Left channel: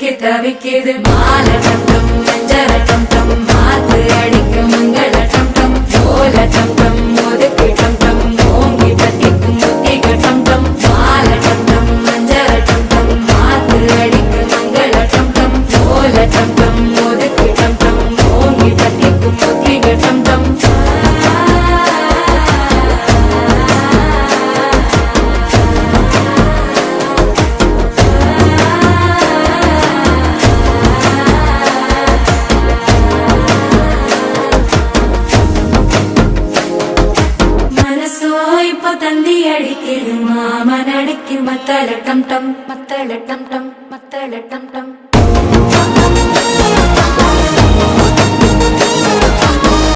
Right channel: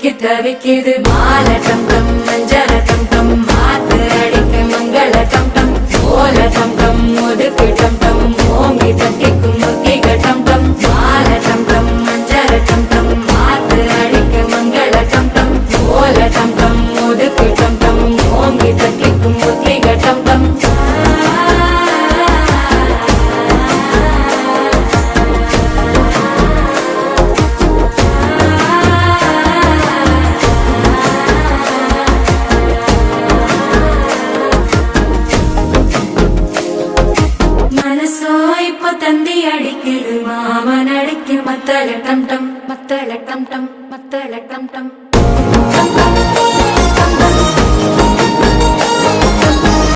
சிக்கி தவிக்குது மாலை டம் டம் மஞ்சள டம் டம் மாத்து அடிக்க மங்கள டம் டம் ஓல டம் டம் ஒதுக்கு டம் டம் ஓங்கி தட்டிக்கும் புத்திக டம் டம் மாலை டம் டம் மஞ்சள டம் டம் மாத்து அடிக்க மங்கள டம் டம் ஓல டம் டம் ஒதுக்கு டம் டம் ஓங்கி தட்டிக்கும் புத்திக டம் டம் தந்தி அடிக்குது மாமன் அடிக்கு மத்தள டம் டம் மத்தள டம் டம் மத்தள டம் டம்